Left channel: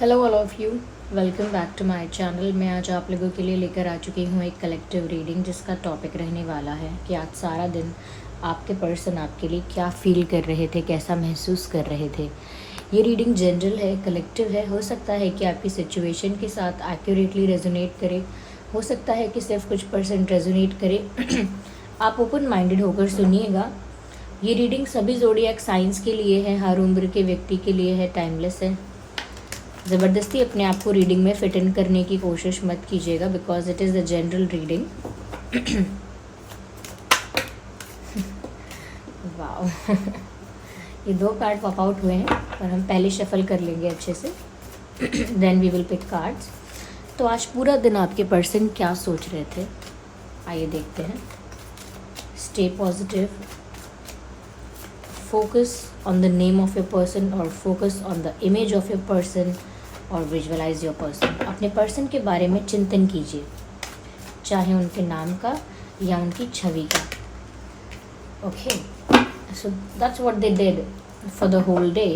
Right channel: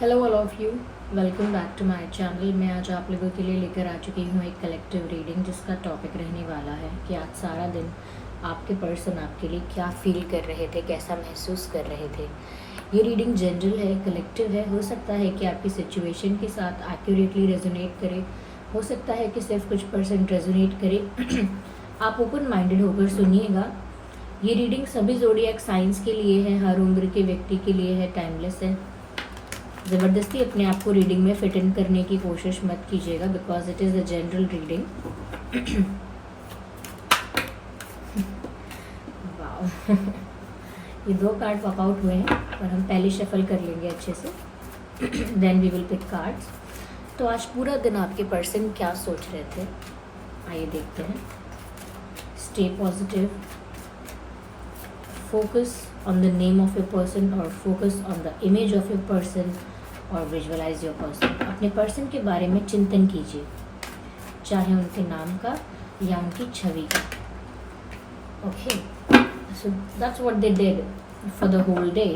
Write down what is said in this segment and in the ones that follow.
Hello all of you, welcome back to my channel. मैं आज आप लोगों के लिए लेकर आ चुकी हूँ एक कलेक्टिव रीडिंग जिसका टॉपिक रहने वाला है कि आज सारा दिन आपके पर्सन आपके लिए क्या फील कर रहे थे, कैसा महसूस कर रहे थे। ये रीडिंग जनरल है, कलेक्टिव है। हो सकता है कि आपकी सिचुएशन के साथ एक्यूरेटली रेजोनेट करे, हो सकता है कि सिर्फ कुछ परसेंट रेजोनेट करे। आप ओपन माइंडेड होकर सुनिएगा। ये रीडिंग सभी ज़ोडिएक साइंस के लिए है, हर उम्र के व्यक्ति के लिए है, टाइमलेस है। ज़बरदस्ती अपने आप को रीडिंग में फिट इन करने की कोशिश मत कीजिएगा, because it is a general reading. वाह, ये 2 कार्ड पॉप आउट हुए हैं और हम पहले शफल कर लेंगे अच्छे से, then we will pick cards. तो आज पूरा दिन आपके पर्सन क्या सोच रहे थे, आइए देखते हैं। Stay positive, focus on the name of your person और focus on the image of your person और विजुअलाइज योर पर्सन। अपने पर्सन के बारे में चिंतन कीजिए, चाहे उनके नाम का या उनकी छवि का। Okay, so that's what they did for the whole day.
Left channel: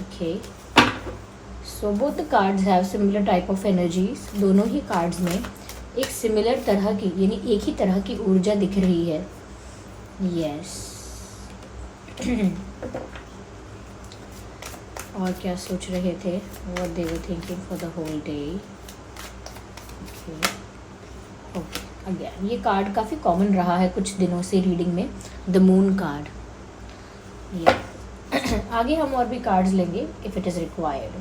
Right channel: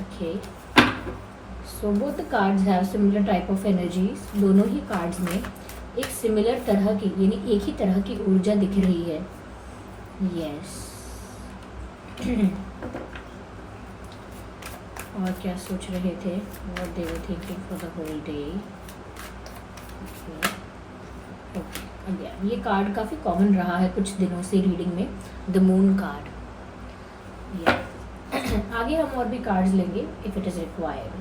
Okay, so both the cards have similar type of energies. दोनों ही कार्ड्स में एक सिमिलर तरह की, यानी एक ही तरह की ऊर्जा दिख रही है। यस। और क्या सोच रहे थे, what they were thinking for the whole day. Okay, again ये कार्ड काफ़ी कॉमन रहा है कुछ दिनों से रीडिंग में, द मून कार्ड। ये आगे हम और भी कार्ड्स लेंगे if it is required.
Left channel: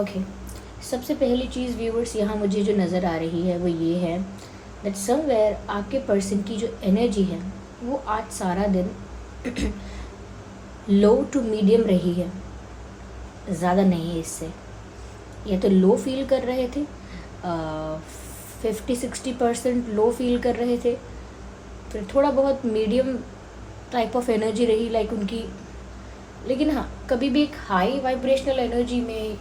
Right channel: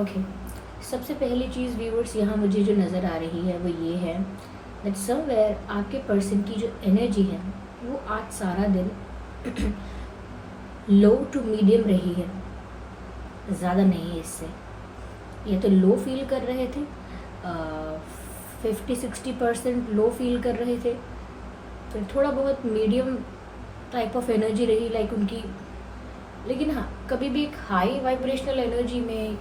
Okay, सबसे पहली चीज़ व्यूअर्स यहाँ मुझे जो नज़र आ रही है वो ये है दैट समवेयर आपके पर्सन की जो एनर्जी है वो आज सारा दिन लो टू मीडियम रही है, ज़्यादा नहीं है इससे। या तो लो फील कर रहे थे, 50-60% लो फील कर रहे थे, फिर थोड़ा बहुत मीडियम टाइप ऑफ एनर्जी रही लाइक उनकी। लेकिन हाँ, कभी भी एक हाई वाइब्रेशनल एनर्जी में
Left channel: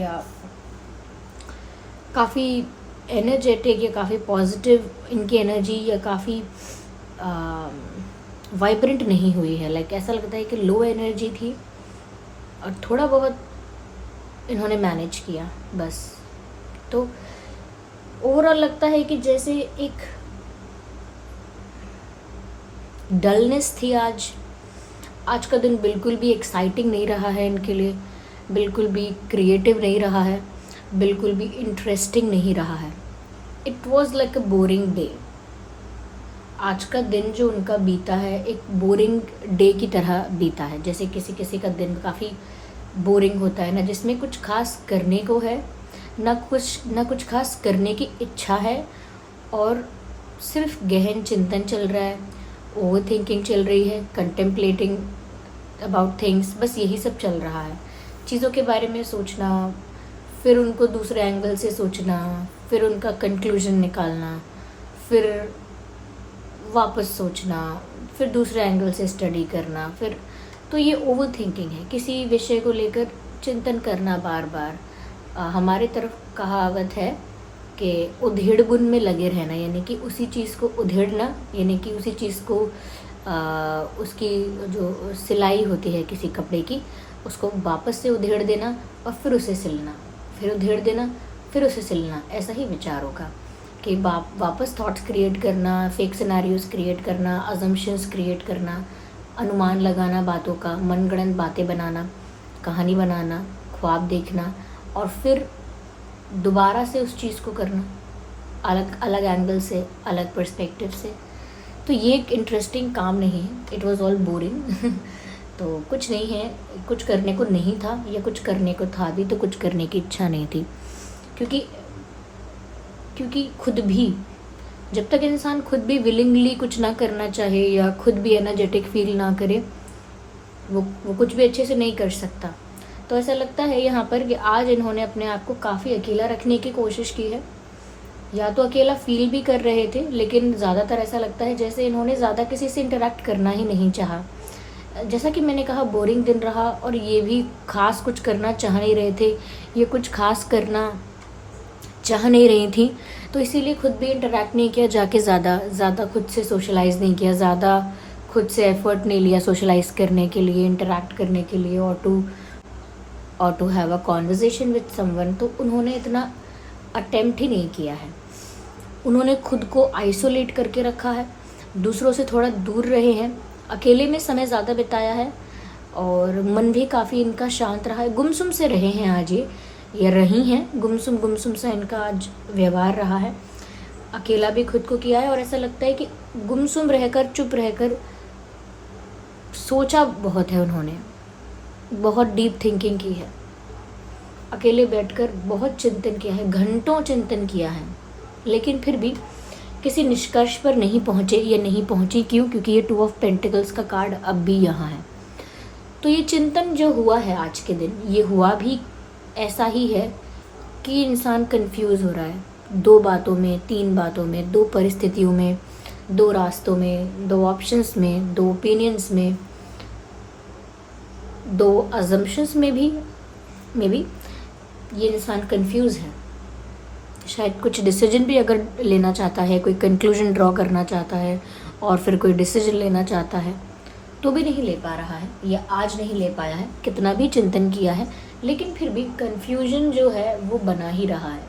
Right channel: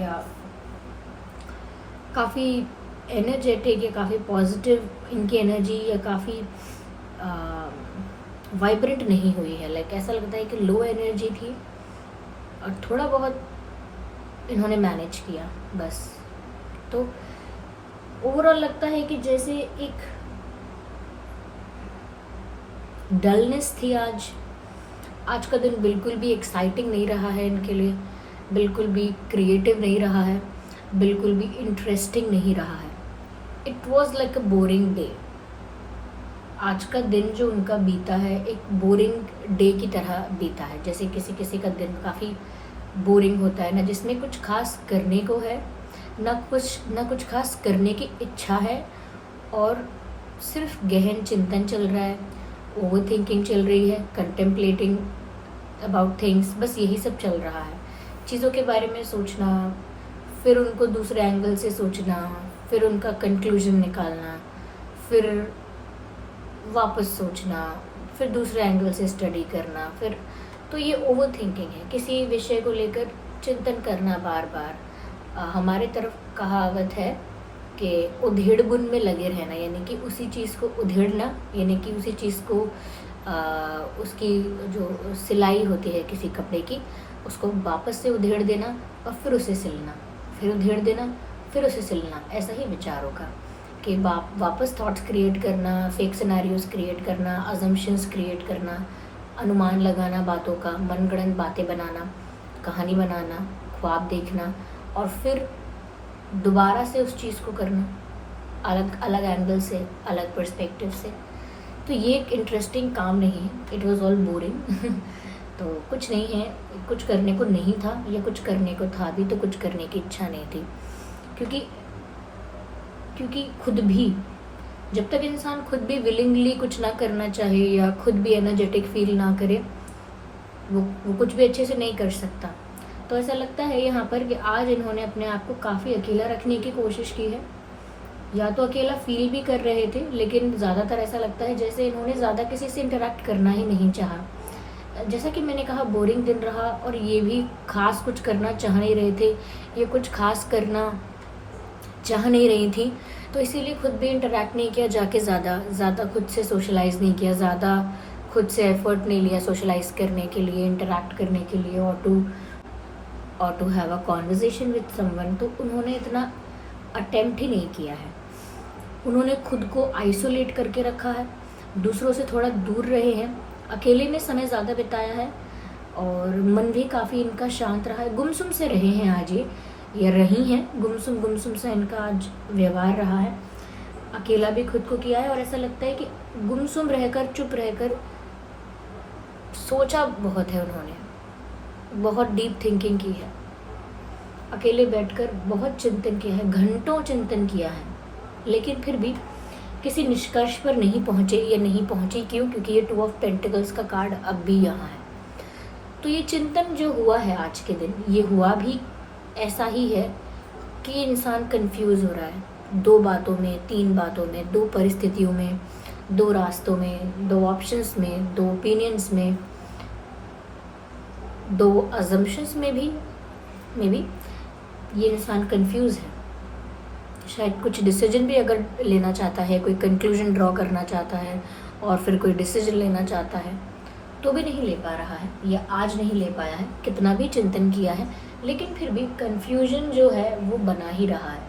या काफ़ी एनर्जेटिक या काफ़ी पॉजिटिव इनकी एनर्जी या काफ़ी वाइब्रेंट नहीं हुई है। लाइक ऐसा लगता है कि लो एनर्जी थी और थोड़ा बहुत इन्होंने मैनेज किया बस। तो ओवरऑल लगता है कि जैसे एक डलनेस थी आज का दिन बिल्कुल भी एक्साइटिंग नहीं रहा है इनके लिए, बिल्कुल भी क्रिएटिव नहीं रहा है, बिल्कुल भी इंटरेस्टिंग नहीं रहा है। It was like a boring day. आज का दिन जो उनका बीता है एक बोरिंग डे की तरह बीता है। जैसे किसी किसी का दिन काफ़ी बोरिंग होता है ना, जिसमें कुछ खास करने को है ना, कुछ खास करने की इच्छा है और सिर्फ गहन चिंतन चल रहा है, ओवर थिंकिंग चल रही है, कंटेम्पलेटिंग अबाउट थिंग्स, बस यही सब चल रहा है। चीज़ों के बारे में सोचना, फिर उनको दूसरे एंगल से सोचना, फिर उनका कंक्लूजन निकालना, फिर वापस सोचना, फिर दूसरे एंगल से स्टडी करना, फिर तो ये ओवर थिंकिंग है। किसी विषय को लेकर चिंतन करना बार बार। हमारे तरफ कहावत है कि उधेड़-बुन में लगे रहना, यानी कि उसी चीज़ को उधेड़ना, यानी कि उसी चीज़ को उसकी जो सिलाई होती है किसी कपड़े की, उसको वापस से उधेड़ देना और फिर उसे सिलना, फिर उधेड़ देना, फिर उसे सिलना। ऐसा ही विचार होगा कि वापस थॉट्स क्रिएट करना, फेक सिनेरियोज क्रिएट करना, अजम्पशंस क्रिएट करना, अनुमान लगाना बातों का, मनगढ़ंत बातें बनाना, कहानी बनाना, ख्वाब देखना और फिर दोबारा से उस चीज़ को करना अलग अलग एंगल से, अलग पर्सपेक्टिव से। तो ये एक इंटरेस्टिंग काम नहीं है, इट वॉज ऑल बोरिंग। तो कुछ नहीं है, कुछ करने को नहीं था या कुछ करने को था भी तो कुछ करने की इच्छा नहीं थी। क्योंकि खुद भी, जब तक इंसान खुद भी विलिंगली कुछ ना करना चाहे या खुद भी एनर्जेटिक फील ना करे, वो कुछ भी अच्छे से नहीं कर सकता। तो ऐसा लगता है यहाँ पर कि आज इन्होंने अपने आप को काफ़ी अकेला रखने की कोशिश की है, या तो अकेला फील भी कर रहे थे, लेकिन ज़्यादातर ऐसा लगता है जैसे इन्होंने ज़्यादा किसी से इंटरेक्ट करना ही नहीं चाहा। जैसा कि मैंने कहा, बोरिंग दिन रहा और ये भी खास कुछ करना चाह नहीं रहे थे, ये कुछ खास करना चाह नहीं रही थी, तो इसीलिए खुद भी इंटरेक्ट नहीं किया जाके, ज़्यादा खुद से सोशलाइज नहीं किया, ज़्यादा खुद से एफर्ट नहीं लिया सोशलाइज करने के लिए, इंटरेक्ट करने के लिए, और to have a conversation with someone, तो उन्होंने इतना अटेम्प्ट ही नहीं किया है। उन्होंने खुद को आइसोलेट करके रखा है, दूसरों से थोड़ा दूर रहे हैं, अकेले में समय ज़्यादा बिताया है, और मन भी काफ़ी इनका शांत रहा है। गुमसुम से रहे हैं आज ये रही हैं, गुमसुम से इनका आज व्यवहार रहा है। अकेला भी खुद को किया है, और ऐसा लगता है कि गुमसुम रहकर, चुप रहकर सोचा बहुत है उन्होंने, बहुत डीप थिंकिंग की है, अकेले बैठकर बहुत चिंतन किया है, घंटों चिंतन किया है, लेकिन फिर भी किसी निष्कर्ष पर नहीं पहुँचे। ये नहीं पहुँची क्यों? क्योंकि ये 2 ऑफ पेंटिकल्स का कार्ड अब भी यहाँ है। तो ये चिंतन जो हुआ है आज के दिन, ये हुआ भी ऐसा ही है कि इंसान कंफ्यूज हो रहा है 2 बातों में, 3 बातों में, 2 परिस्थितियों में, 2 रास्तों में, 2 ऑप्शंस में, 2 ओपिनियंस में, 2 अजम्पशंस में भी ये इंसान कंफ्यूज है। शायद कुछ डिसीजन भी अगर लेना चाहता है, कोई कंक्लूजन ड्रॉ करना चाहता है और फिर कोई डिसीजन लेना चाहता है, तो भी नहीं ले पा रहा है, या आज नहीं ले पाया है, कितना भी चिंतन किया है, लेकिन फिर भी कंफ्यूजन जो है वो बना ही रहा है।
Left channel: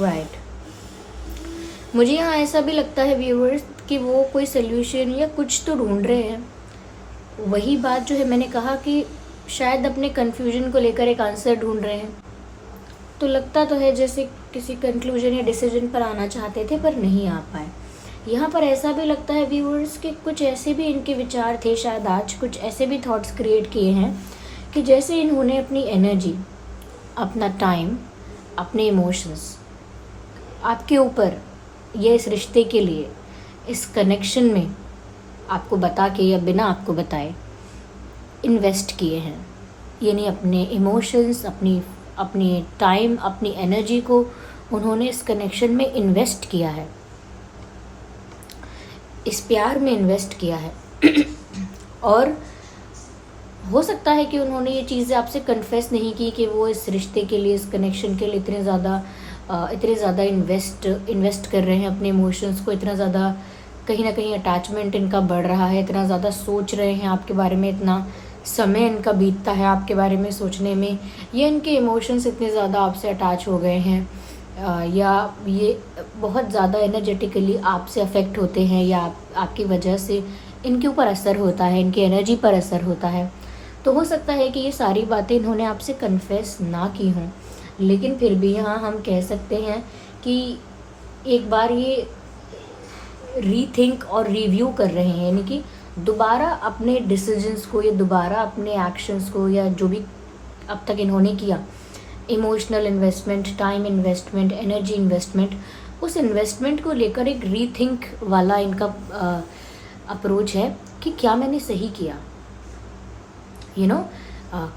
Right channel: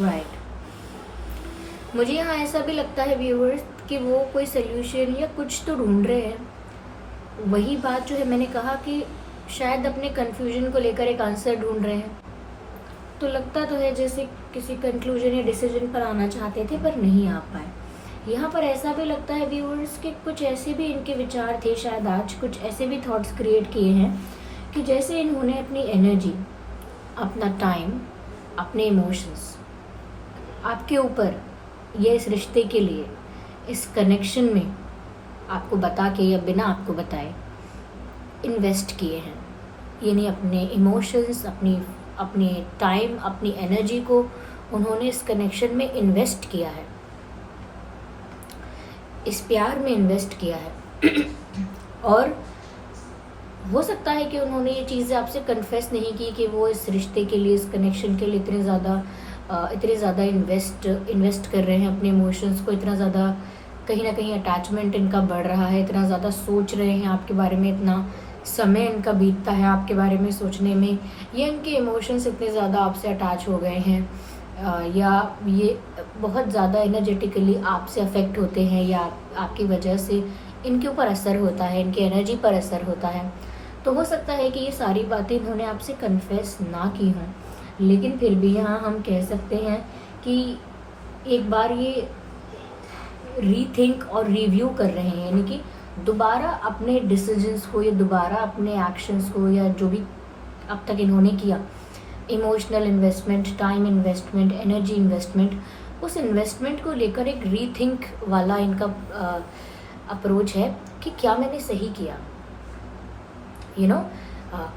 राइट। मुझे यहाँ ऐसा भी लगता है व्यूअर्स कि वो कोई सोल्यूशन या कुछ तो ढूंढ रहे हैं। वही बात जो है मैंने कहा कि शायद अपने कंफ्यूजन को लेकर एक आंसर ढूंढ रहे हैं। तो लगता तो है जैसे किसी कंक्लूजन या डिसीजन पर आना चाहते थे पर नहीं आ पाए। यहाँ पर ऐसा भी लगता है व्यूअर्स कि कुछ ऐसे भी इनके विचार थे, शायद आज कुछ ऐसे भी थॉट्स क्रिएट किए हैं कि जैसे इन्होंने अपनी एनर्जी, अपना टाइम, अपने इमोशंस आपके ऊपर या इस रिश्ते के लिए, इस कनेक्शन में आपको बता के या बिना आपको बताए इन्वेस्ट किए हैं। यानी अपने इमोशंस, अपनी टाइम, अपनी एनर्जी को उन्होंने इस कनेक्शन में इन्वेस्ट किया है, इस प्यार में इन्वेस्ट किया है। और हो सकता है कि उन्होंने ये चीज़ें आपसे कन्फेस नहीं की कि वो इस रिश्ते के लिए, इस कनेक्शन के लिए इतने ज़्यादा इन्वेस्ट कर रहे हैं अपने इमोशंस को, इतना ज़्यादा कहीं ना कहीं अटैचमेंट इनका बढ़ रहा है, इतना ज़्यादा सोच रहे हैं आपके बारे में, इतना समय इनका बीतता है आपके बारे में सोचने में, ये इनके इमोशंस इतने ज़्यादा आपसे अटैच हो गए हैं, या ये बहुत ज़्यादा एनर्जेटिकली आपसे अफेक्ट होते हैं, या आपकी वजह से इनके ऊपर असर होता है, इनकी एनर्जी पर असर होता है। तो हो सकता है कि ये सारी बातें इन्होंने आपसे कन्फेस ना की हों, लेकिन फिर भी यहाँ हम कह सकते हैं कि एक बार ये रीथिंक और रिव्यू कर रहे हैं, यानी कि दोबारा अपने डिसीजंस को, या दोबारा अपने एक्शंस को, या जो भी अब तक इन्होंने किया, emotional investment, time investment, energy investment, उस इन्वेस्टमेंट को लेकर एक रीथिंक वाला इनका अप्रोच है कि क्या मैंने सही किया,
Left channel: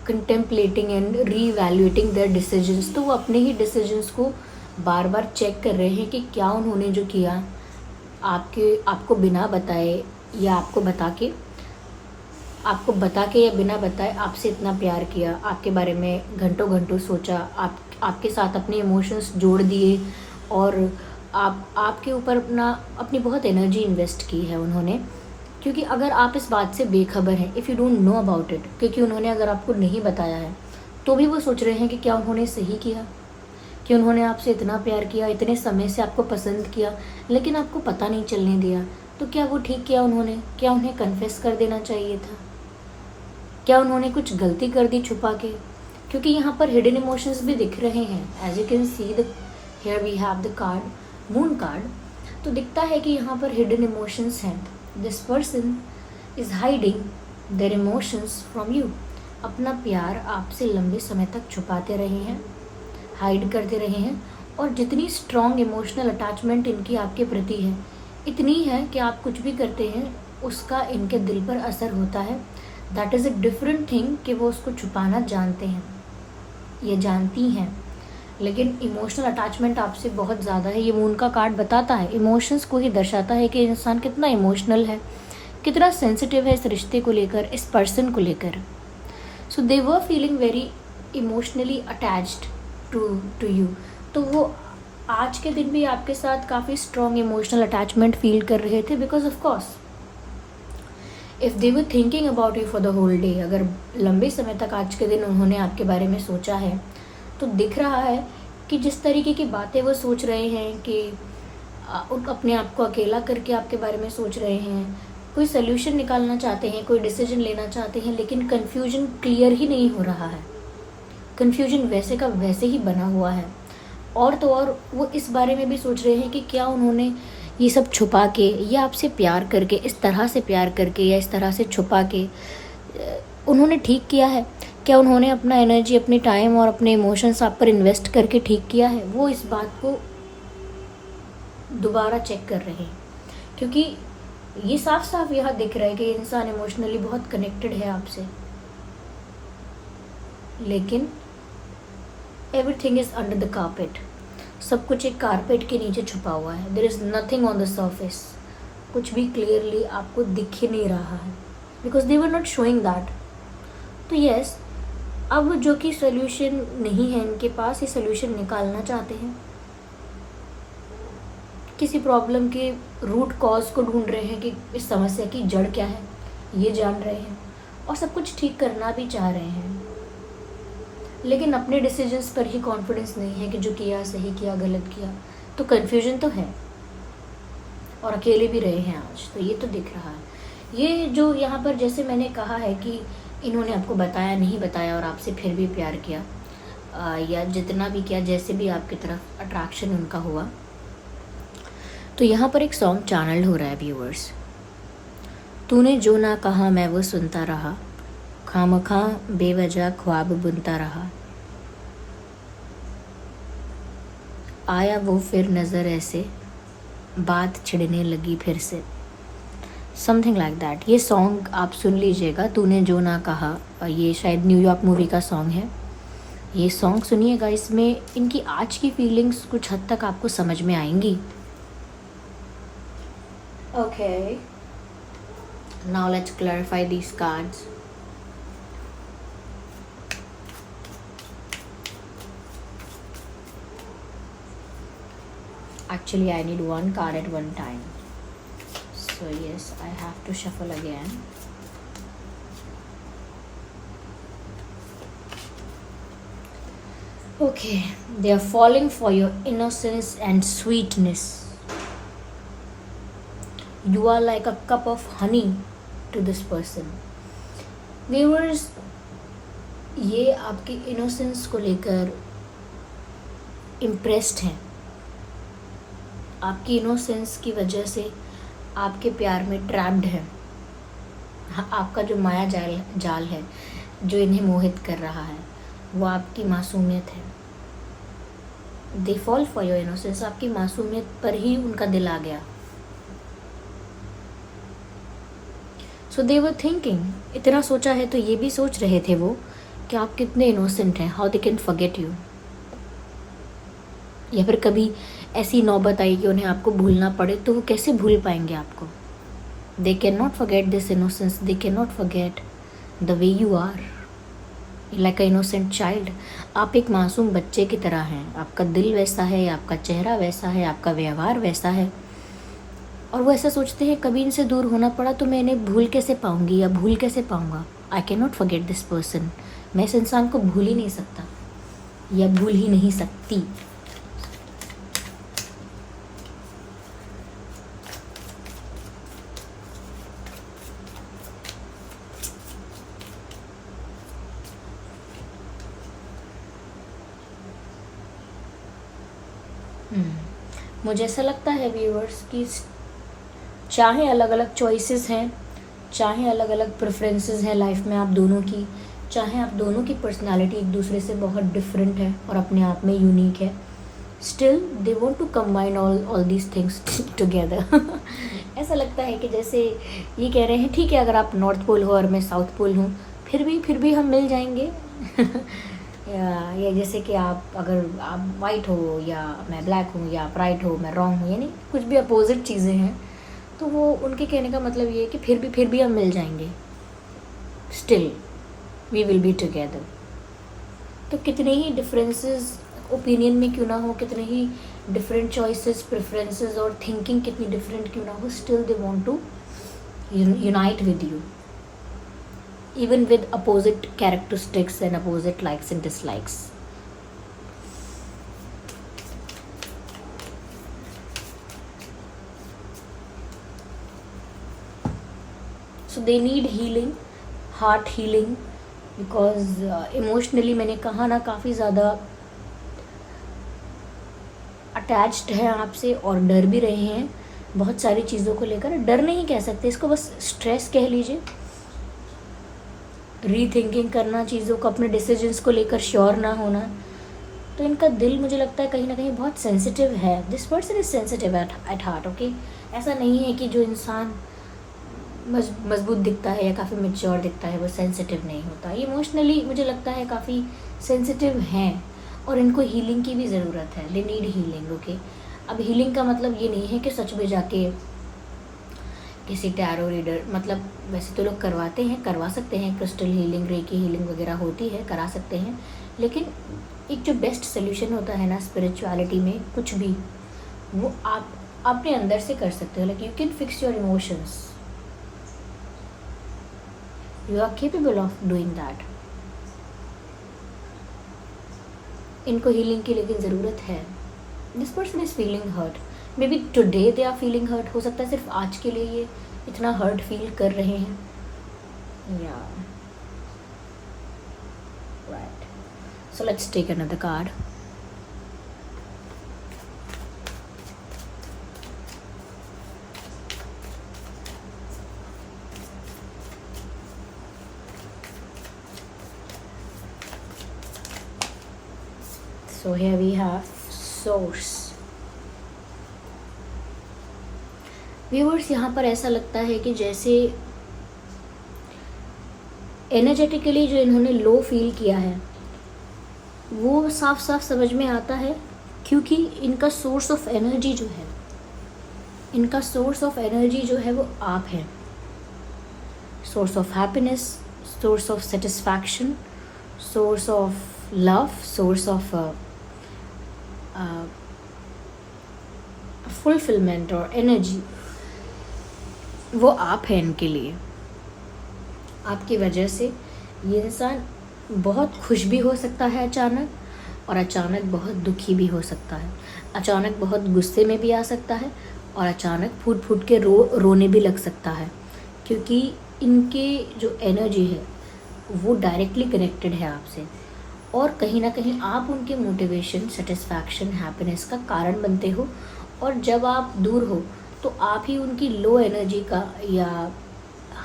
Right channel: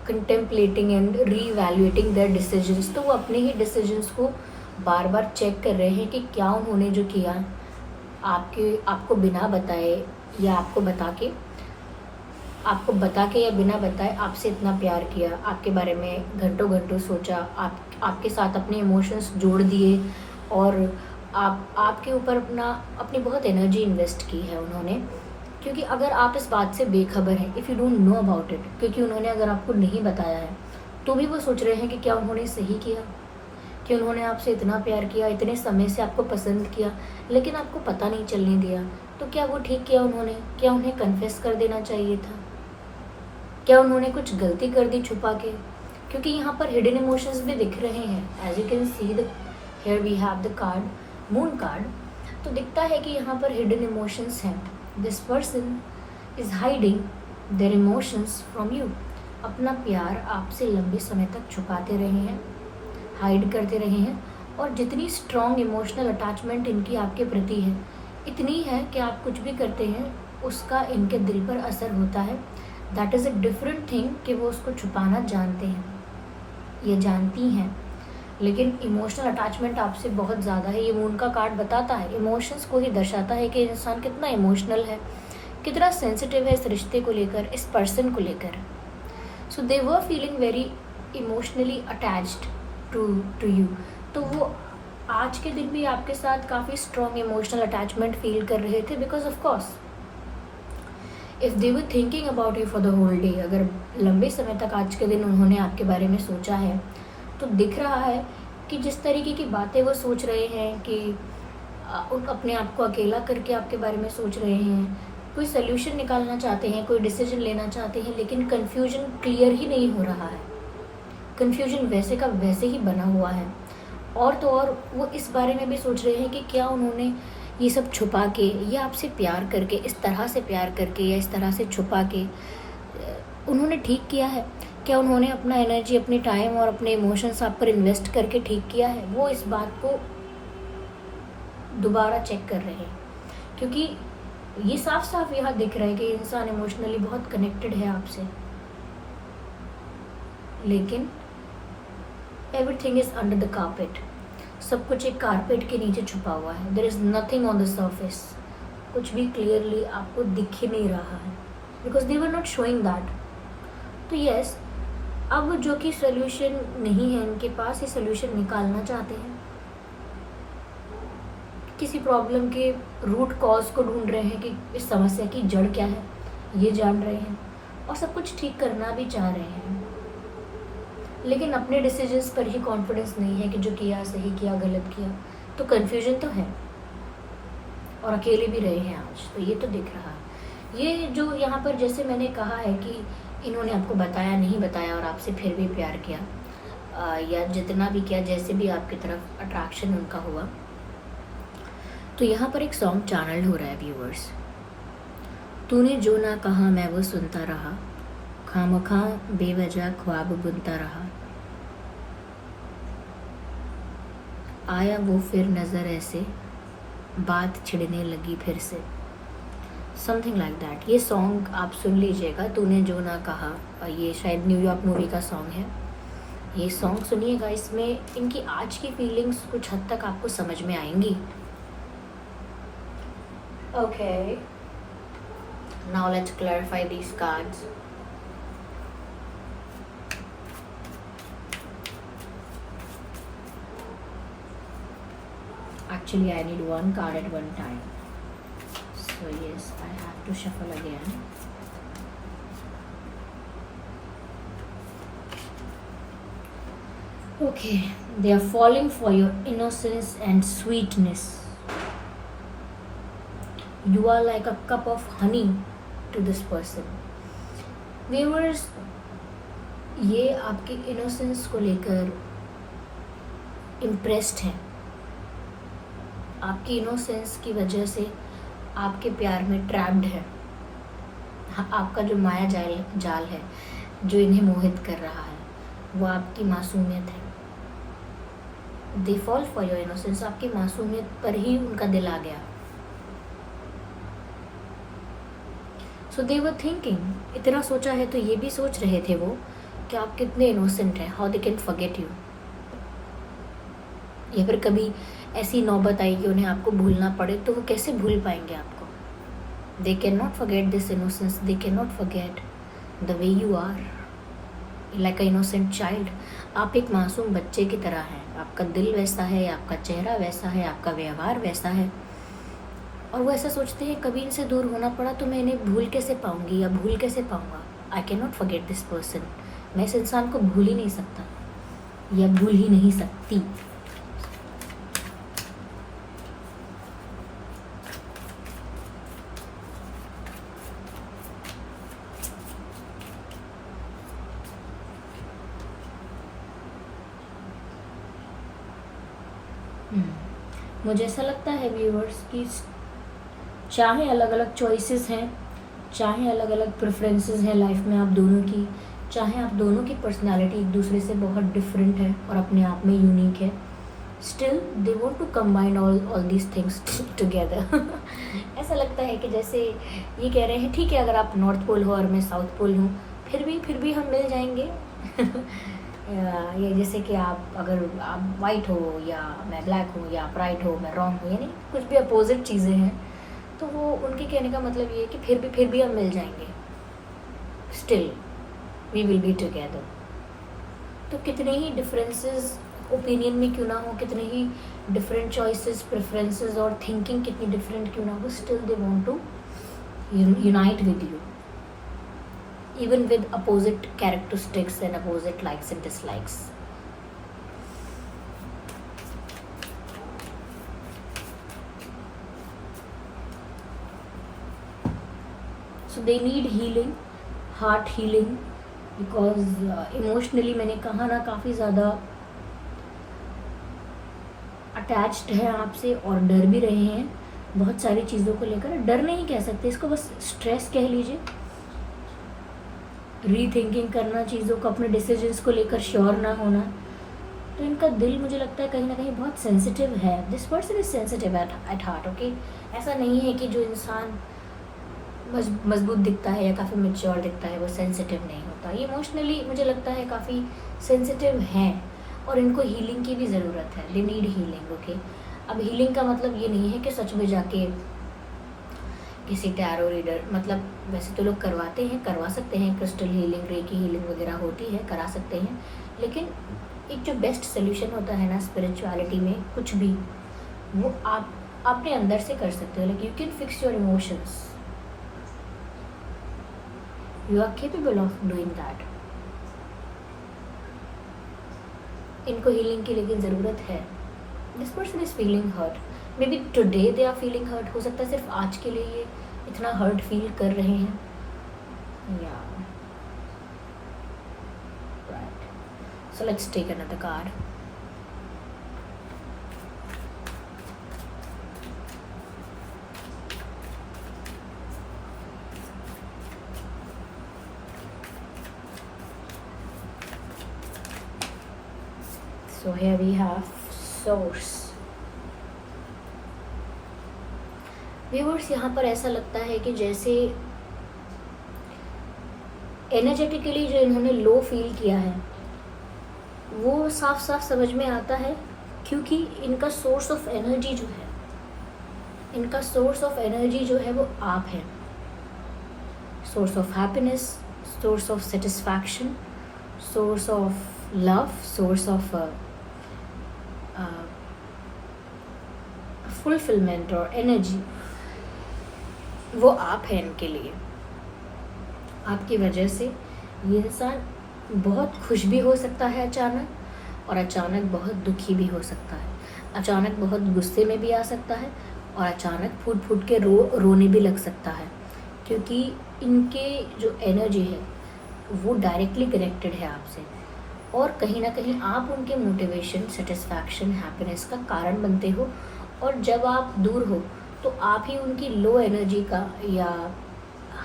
कंटेम्पलेटिंग एंड रीवैल्यूएटिंग देयर डिसीजंस। तो वो अपने ही डिसीजंस को बार बार चेक कर रहे हैं कि क्या उन्होंने जो किया आपको बिना बताए या आपको बता के या बिना बताए आपसे इतना प्यार किया, आपके बारे में घंटों घंटों सोचा, आपके साथ अपने इमोशंस जोड़ दिए, और आपके ऊपर अपनी बहुत एनर्जी इन्वेस्ट की है उन्होंने। क्योंकि अगर आप इस बात से बेखबर हैं, if you don't know about it, क्योंकि उन्होंने अगर आपको नहीं बताया है तो भी वो सोच रहे हैं कि क्या उन्होंने सही किया, कि उन्होंने आपसे इतना प्यार किया, इतने समय से आपको पसंद किया, लेकिन आपको पता नहीं चलने दिया, तो क्या वो ठीक किया उन्होंने? क्या उन्हें कन्फेस कर देना चाहिए था? क्या उन्होंने कुछ गलती कर दी छुपा के? क्योंकि यहाँ पर हिडन इमोशंस भी दिख रहे हैं। As you can see here we have the card moon card. तो दिखता है कि यहाँ पर हिडन इमोशंस हैं। This person is hiding their emotions from you. अपना प्यार आपसे लंबे समय तक छुपाते रहे हैं, हाइड करते रहे हैं, और जितनी स्ट्रॉन्ग इमोशनल अटैचमेंट इनकी आपके प्रति है, इतनी है कि आप कुछ भी करते हैं उसका इनके दिल पर असर होता है। That is a different thing कि वो उसको छुपाना जानते हैं, ये जानती हैं, लेकिन इमोशनल अटैचमेंट आपसे बहुत ज़्यादा है। ये मून का कार्ड बताता है, इमोशंस को ही दर्शाता है कि इंसान कितना इमोशनल है, कितना सेंसिटिव है इस रिश्ते को लेकर, इस पर्सन को लेकर। So they were feeling very emotionally attached to to you, तो वो आज के दिन भी आपके साथ काफ़ी स्ट्रॉन्ग इमोशनल अटैचमेंट फील कर रहे थे, because of course if they were thinking about you for the whole day, अगर लंबे समय तक आज के दिन उन्होंने आपके बारे में सोचा है, तो दिख रहा है कि जिस तरीके की बातें वो सोच रहे हैं कि अपने आप को अकेला करके आपके बारे में सोच रहे हैं, कोई सोल्यूशन निकालना चाहते हैं, कोई डिसीजन लेना चाहते हैं, लेकिन कन्फ्यूजन क्लियर ही नहीं हो रहा है, कन्फ्यूजन वैसे का वैसे ही बना हुआ है। और तो और वो इस बारे में भी सोच रहे हैं कि क्या उन्होंने ये सब छुपा के या आपसे प्यार करके, इस तरह से प्यार करके या इस तरह से छुपा के उन्होंने ठीक किया है, क्या उन्होंने अपना एनर्जी, अपनी टाइम और अपने इमोशंस आप पर इन्वेस्ट करके ठीक किया है। वो इस बात को दोबारा चेक कर रहे हैं, क्योंकि ये साफ साफ यहाँ दिख रहा है कि इंसान इमोशनली बहुत कनेक्टेड है आपसे, लेकिन everything is under the carpet, सब कुछ एक कारपेट के नीचे छुपा हुआ है। There is nothing on the surface, कुछ भी क्लियरली आपको दिख ही नहीं रहा है, because they were not showing that. तो यस, अब जो कि सोल्यूशन नहीं है इनके पास, ये सोल्यूशन निकालना चाहते हैं, किसी प्रॉब्लम के रूट कॉज को ढूंढ रहे हैं कि इस समस्या की जड़ क्या है, ये जान रहे हैं, और सब कुछ ठीक करना भी चाह रहे हैं, लेकिन अपने डिसीजंस पर ही कॉन्फिडेंस नहीं है कि जो किया सही किया गलत किया। तो कन्फ्यूजन तो है, और अकेले भी रहे हैं आज, तो ये तो दिख रहा है। ये जो यहाँ पर जैसे मैंने कहा है कि इन्होंने आपको बताया नहीं बताया और आपसे फिर भी प्यार किया, या जितना भी किया, जैसे भी आपकी तरफ अट्रैक्शन उनका हुआ, तो यहाँ पर एक सॉन्ग चैनल हो रहा है व्यूअर्स। तूने जो ना कहा मैं वो सुनता रहा, खामखा बेवजह ख्वाब बुनता रहा, आया वो फिर नज़र ऐसे, बात छिड़ने लगी फिर से, समथिंग लाइक दैट। ये सॉन्ग आप सुन लीजिएगा, तूने जो ना कहा, ये शायद न्यूयॉर्क मूवी का सॉन्ग है। ये सॉन्ग सुनिएगा, इसमें इनकी आज की फीलिंग्स कुछ हद तक आपको समझ में आएंगी। Okay, now let's clarify these cards. Actually, I need one card at one time. So yes, I have to shuffle again. Okay, they are falling for your innocence and sweetness. You are like a cup of honey to this person. Viewers, ये आपके innocence को लेकर impressed हैं, आपकी innocence की वजह से आपके प्यार में ट्रैप्ड है। आपका जो माया जाल है जो इन्हें मोहित कर रहा है, वो आपकी मासूमियत है। They fall for your innocence, आपकी मासूमियत पर ही उनका दिल आ गया। सो दे वर थिंकिंग, इतना सोचा है तो ये भी सोच रहे थे वो कि आप कितने इनोसेंट हैं, how they can forget you. या फिर कभी ऐसी नौबत आई कि उन्हें आपको भूलना पड़े, तो वो कैसे भूल पाएंगे आपको। They can not forget this innocence, they can not forget the way you are like a innocent child. आप एक मासूम बच्चे की तरह हैं, आपका दिल वैसा है, आपका चेहरा वैसा है, आपका व्यवहार वैसा है, और वो ऐसा सोचते हैं कभी इनसे दूर होना पड़ा तो मैं इन्हें भूल कैसे पाऊंगी या भूल कैसे पाऊंगा। आई can not forget this person, मैं इस इंसान को भूल ही नहीं सकता या भूल ही नहीं सकती। मुझे ऐसा लगता है व्यूअर्स कि चाहे अलग अलग चॉइसेस हैं, चाहे अलग अलग प्रेफरेंसेस हैं लाइफ में आप दोनों की, चाहे आप दोनों की पर्सनालिटी एक दूसरे से बहुत डिफरेंट है और अपने आप में यूनिक है, still they want to combine all these things together. ऐसा लगता है कि जैसे ये कह रहे हैं ठीक है, अगर आप नॉर्थ पोल हो और मैं साउथ पोल हूँ, फिर भी हम मिल जाएंगे। ये जैसे कि अगर आप वाइट हो या मैं ब्लैक हूँ, या आप राइट हो मैं रॉन्ग हूँ, यानी कुछ भी अपोजिट चीज़ें हैं, तो वो उनके कहने का मतलब ये है कि फिर भी हम मिल जाएंगे, still we will be together. तो कितने ही डिफरेंसेस ओपिनियन में क्यों ना हो, कितने ही डिफरेंट चॉइसेस, प्रेफरेंसेस और थिंकिंग कितनी डिफरेंट क्यों ना हो, still they want to unite with you, even with opposite characteristics and opposite likes and dislikes. So they need healing, heart healing, because emotionally मैंने कहा ना काफ़ी ज़्यादा अटैच्ड हैं आपसे और डर भी रहे हैं बहुत सारी चीज़ों को लेकर। डर नहीं कह सकते इसको, बस स्ट्रेस कह लीजिए, रीथिंकिंग करना चीज़ों को, अपने डिसीजंस को लेकर श्योर ना होना। तो इनका दिल मुझे लगता है कहीं ना कहीं बहुत सेंसिटिव है। This person is sensitive at heart, okay. ऐसा नहीं है कि जो इंसान मजबूत दिखता है या काफ़ी मेच्योर दिखता है वो सेंसिटिव नहीं होता। ये इमोशनली मुझे लगता है काफ़ी सेंसिटिव हैं और इनको हीलिंग की भी ज़रूरत है। They need healing, okay. अब हीलिंग का मतलब ये नहीं है कि सच में जाके किसी टैरो रीडर, मतलब वैसे तो लोग करवाते हैं, करवा सकते हैं, क्रिस्टल हीलिंग, रेकी हीलिंग वगैरह होती है, करा सकते हैं, लेकिन एक जो बेस्ट सोल्यूशन होता है ना स्पिरिचुअलिटी में कुछ भी, वो आप अपने अंदर से कर सकते हो। Like you can fix your emotions, you are capable of doing that. इनको हीलिंग की लेकिन ज़रूरत है। This person is feeling hurt, maybe today they are feeling hurt. हो सकता है सिर्फ आज के लिए ये इतना हर्ट फील कर रहे हैं। Yeah right, so let's take another card. So here we have source. Viewers, यहाँ पर ऐसा लगता है कि जैसे एनर्जेटिकली जो इन्होंने लो फील किया है वो साफ साफ समझ में आता है, क्योंकि इनका सोर्स ऑफ एनर्जी जो है, इनका सोर्स ऑफ एनर्जी जो है वो आप हैं। Source of happiness, source of satisfaction, source of love, source of fulfilment और एनर्जी, वो आप हैं इनके लिए। आपकी वजह से ये इंसान बहुत खुश भी हो सकता है अचानक, और अचानक बहुत दुखी भी हो सकता है, अचानक बहुत गुस्से में भी आ सकता है, और अचानक फूट फूट के रोने भी लग सकता है, क्योंकि इनके जो एनर्जी है वो डायरेक्टली कनेक्टेड है आपसे, और कहीं ना कहीं आप उनके मोटिवेशन, सेटिस्फैक्शन, हैप्पीनेस का कारण बनते हो। और जब आप दूर हो तो आप ही उनकी लो एनर्जी का, या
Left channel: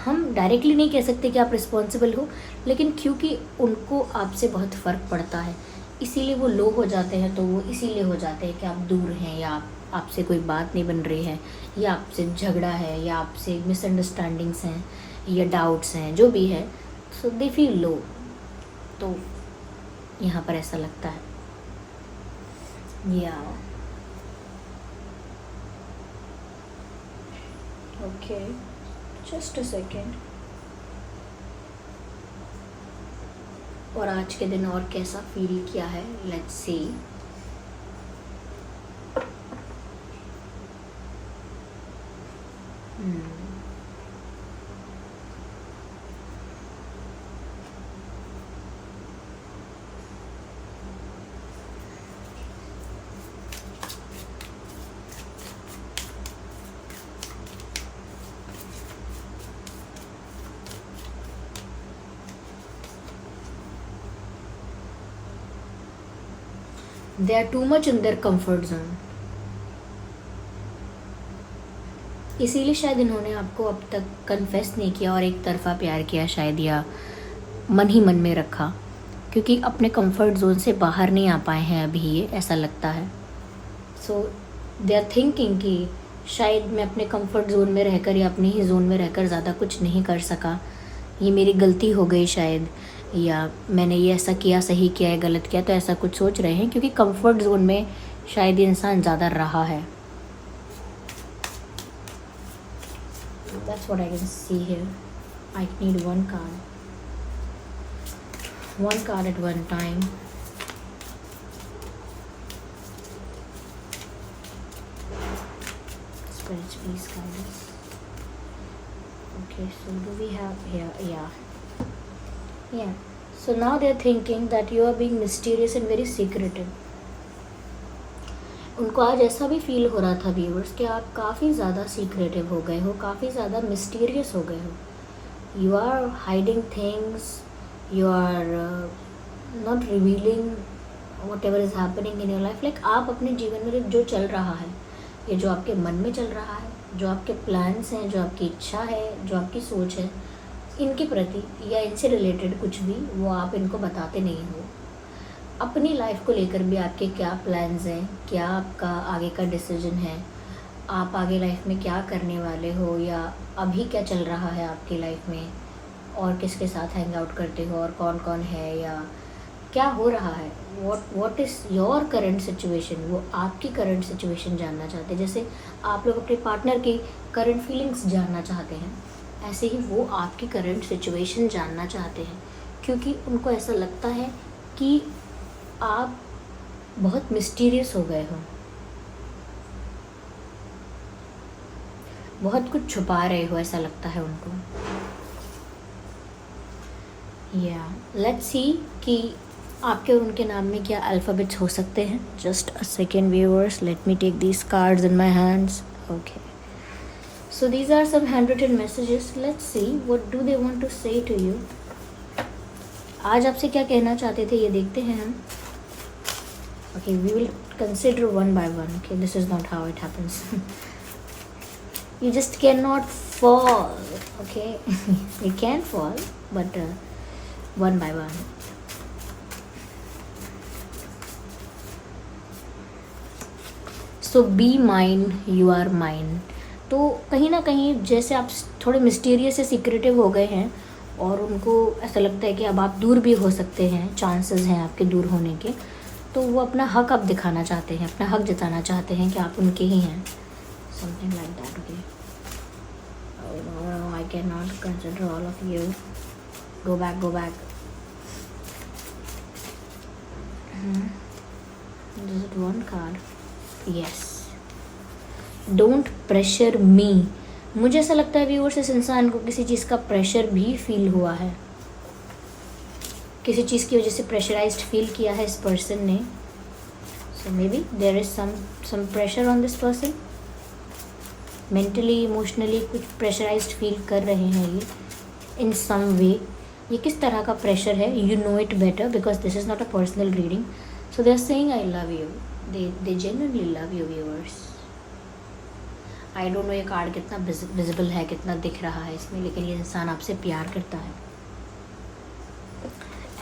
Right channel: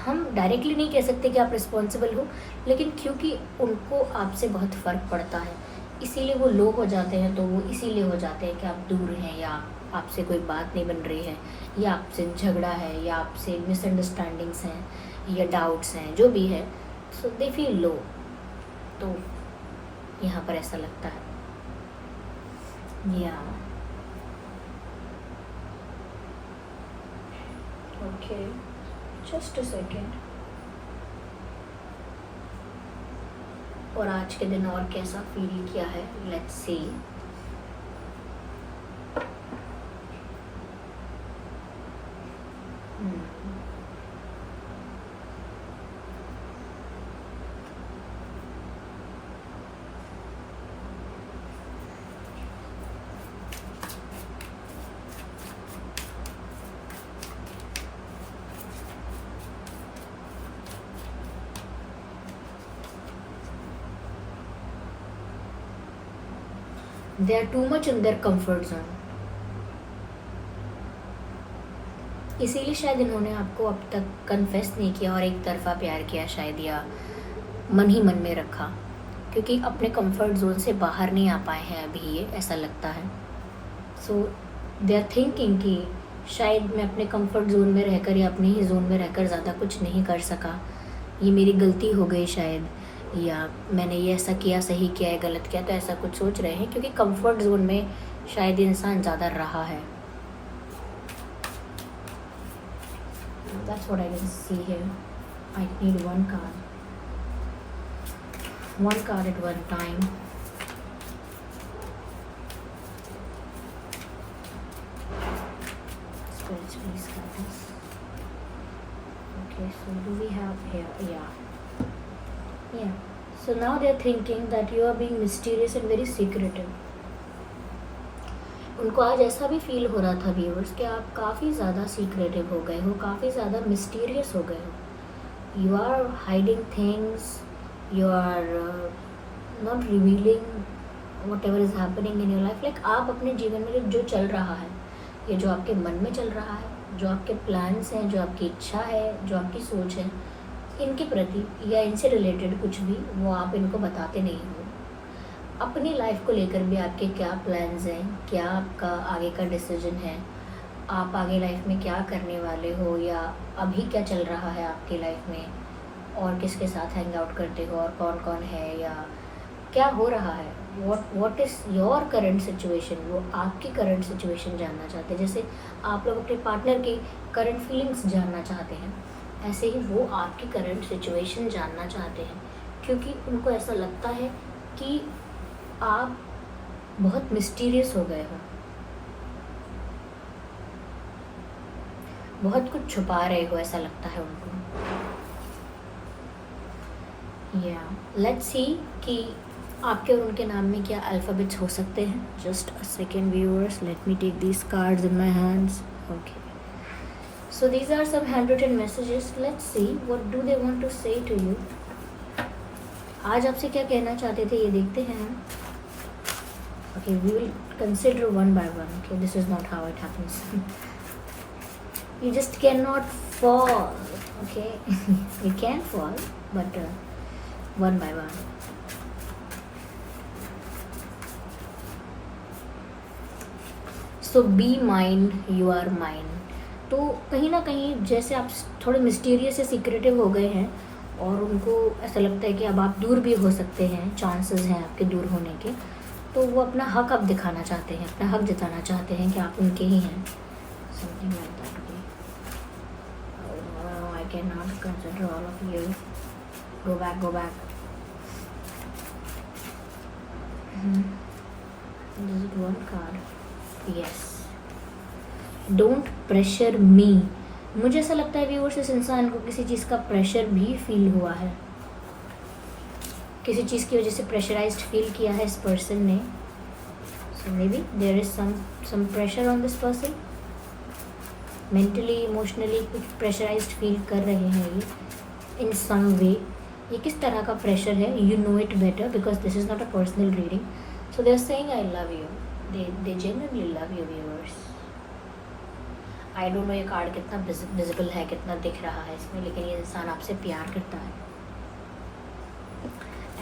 हम डायरेक्टली नहीं कह सकते कि आप रिस्पॉन्सिबल हो, लेकिन क्योंकि उनको आपसे बहुत फ़र्क पड़ता है इसीलिए वो लो हो जाते हैं। तो वो इसीलिए हो जाते हैं कि आप दूर हैं, या आपसे कोई बात नहीं बन रही है, या आपसे झगड़ा है, या आपसे मिसअंडरस्टैंडिंग्स हैं, या डाउट्स हैं, जो भी है, सो दे फील लो। तो यहाँ पर ऐसा लगता है। या ओके, जस्ट अ सेकेंड। और आज के दिन और कैसा फील किया है, let's see. They are too much in their comfort zone. इसीलिए शायद इन्होंने आपको अब तक कन्फेस नहीं किया और एक तरफा प्यार किया शायद, या मन ही मन में रखा, क्योंकि अपने कंफर्ट जोन से बाहर नहीं आ पाए हैं अभी, ये ऐसा लगता है। सो दे आर थिंकिंग कि शायद मैं अपने कंफर्ट जोन में रहकर या अपनी ही जोन में रहकर ज़्यादा कुछ नहीं कर सका, ये मेरी गलती हो गई शायद, या मैंने ये ऐसा किया, सही किया है, गलत किया, तो ऐसा कुछ सोच रहे हैं, क्योंकि कंफर्ट जोन में शायद इंसान ज़्यादा रहा है। That's what I can see here. I need one card at one time. spirits, please come this. Okay, so do we have here? Yeah. So now they are thinking that you are being mysterious and very secretive. उनको आज ऐसा भी feel हो रहा था viewers कि आप काफ़ी ज़्यादा सीक्रेटिव हो गए हो, काफ़ी ज़्यादा मिस्टीरियस हो गए हो. You are hiding things, you are not revealing whatever is happening in your life. Like आप अपने जीवन में जो चल रहा है, ये जो आपके मन में चल रहा है, जो आपके प्लान्स हैं, जो आपकी इच्छा है, जो आपकी सोच है, इनके प्रति या इनसे रिलेटेड कुछ भी वो आप इनको बताते नहीं हो. अपनी लाइफ को लेकर भी आपके क्या प्लान्स हैं, क्या आपका आगे का डिसीजन है, आप आगे लाइफ में क्या करने वाले हो, या अभी क्या चल रहा है आपकी लाइफ में, और किसके साथ हैंग आउट करते हो, और कौन कौन है, या क्या हो रहा है, what is your current situation. वो आपकी करंट सिचुएशन जानना चाहते हैं. जैसे आप लोग अपने पार्टनर की करंट फीलिंग्स जानना चाहते हैं, ऐसे ही वो आपकी करंट सिचुएशन जानना चाहते हैं, क्योंकि उनको ऐसा लगता है कि आप बहुत मिस्टीरियस हो गए हो, बहुत कुछ छुपा रहे हो, ऐसा लगता है उनको. या लेट्स सी कि आपके और उनके नाम में क्या अल्फ़ाबेट्स हो सकते हैं. Just a second viewers, let me take these cards in my hands. Okay, so these are some hand written messages. Let's see what do they want to say to you. आज आपसे क्या कहना चाहते थे, ये देखते हैं हम. Okay, we will consider one by one. Okay, this is not how it happens. You just cannot fall. Okay, you can fall, but one by one. So be mine, you are mine. तो कहीं ना कहीं जैसे आप थोड़े mysterious से secretive हो गए हैं, और उनको ऐसा लगता है कि अब आप दूर भी हो सकते हैं, चांसेस हैं आपके दूर होने के, तो वो अपना हक अब दिखाना चाहते हैं, अपना हक जताना चाहते हैं कि आप उनके ही हैं. Something like that. Okay, I can not consider all of you. Go back, go back. This is one card. Yes, don't pressure me. मुझे ऐसा लगता है व्यूअर्स, इस इंसान को किसी चीज़ का प्रेशर भी फील हुआ है, किसी चीज़ की वजह से प्रेशराइज्ड फील किया है इस पर्सन ने. So maybe there is some pressure on this person. Mentally, emotionally कुछ प्रेशराइज्ड फील कर रहे हैं ये इन सम वे. ये किस तरह का प्रेशर है, you know it better, because this is not a personal reading. So they are saying I love you. They genuinely love you viewers. I don't know ये कार्ड कितना विजिबल है, कितना दिख रहा है इसमें, लेकिन ये इंसान आपसे प्यार करता है,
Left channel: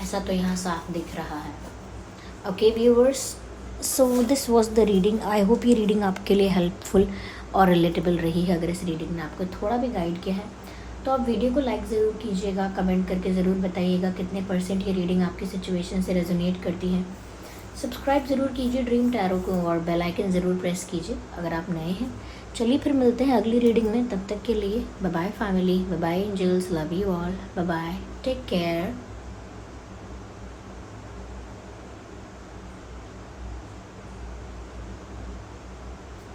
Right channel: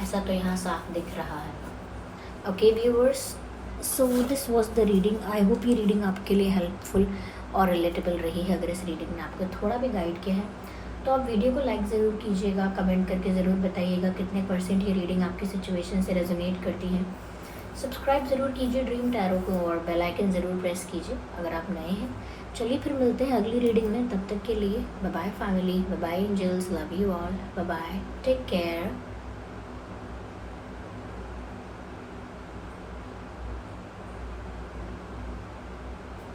ऐसा तो यहाँ साफ दिख रहा है. Okay viewers, so this was the reading. I hope ये रीडिंग आपके लिए हेल्पफुल और रिलेटेबल रही है. अगर इस रीडिंग ने आपको थोड़ा भी गाइड किया है तो आप वीडियो को लाइक ज़रूर कीजिएगा, कमेंट करके ज़रूर बताइएगा कितने % ये रीडिंग आपकी सिचुएशन से रेजोनेट करती है. सब्सक्राइब ज़रूर कीजिए ड्रीम टैरो को, और बेल आइकन ज़रूर प्रेस कीजिए अगर आप नए हैं. चलिए फिर मिलते हैं अगली रीडिंग में. तब तक के लिए bye bye family, bye bye angels, love you all, bye bye, take care.